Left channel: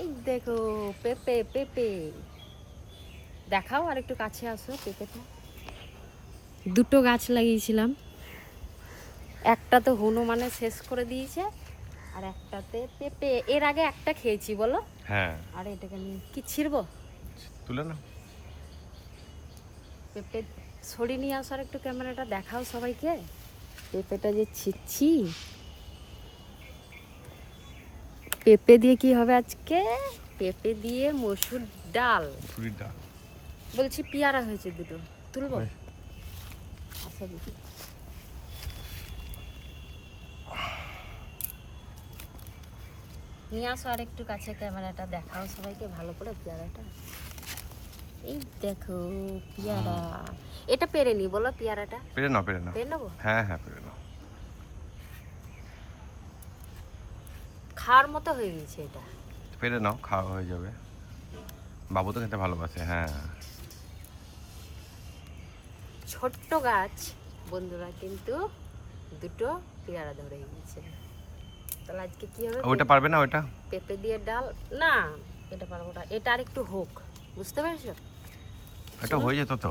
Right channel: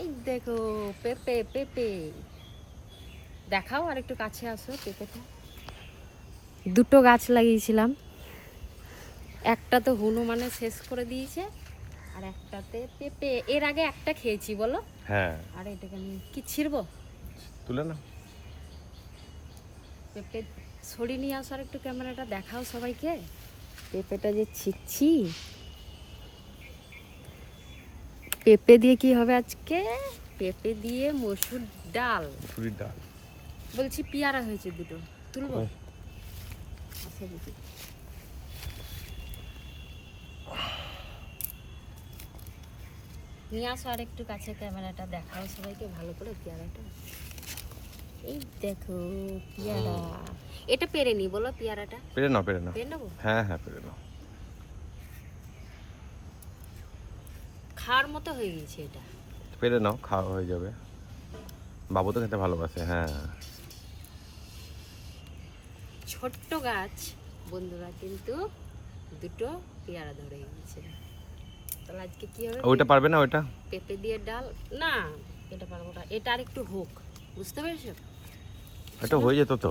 এই দেখো পেঁপে পেঁপে দেখাও, আর একটু কাছে আসো। পেঁপেটা দুটো গাছ লাগিয়েছিলাম, একটা তো হনুমানে শেষ করে দিয়েছে, আর একটাতে পেঁপে এর আগে একটা খেয়েছি বলো। হ্যাঁ, আর এটাকে নিয়ে কি ছিড়বো? তুলে না। পেঁপে সরিয়ে নিয়ে আসার একটু ক্যামেরাটা দেখাও সবাইকে। পেঁপেটা যে ছিচ্ছি, পেঁপে দিয়ে কি হবে আজকে? পেঁপে দিয়ে মসুর ডাল। মুসুরির ডাল। বলছি পেয়ারা হয়েছে দুটো, তুলবো? আচ্ছা দেখি। নিয়ে আসো আর একটু কাছে, ক্যামেরাটা দেখাও সবাইকে ভালো করে পেয়ারাটা। এই দেখো পেয়ারা, এটা পেরে নি বলো পেয়ারাটা। পেরে নাও, পেরে নাও। পেরে নেবো? হ্যাঁ হ্যাঁ, পেরে নাও। খাওয়ার মতো হয়ে গেছে এটা। পেরে নাও, খাওয়া হয়ে যাবে। বাবু তো খেতে ভালোবাসে। হ্যাঁ, ছোট্ট গাছ বন্ধুরা, কিন্তু দুটো পেয়ারা ধরে গেছে। তাহলে আজকে কি হবে? ওইটা পারবে না ওইটা? পেঁপে দিয়ে ডাল না, এটা পারবো না, এটা আর একটু হোক, বুঝতে পেরেছো? এটা হয়ে যেত তো।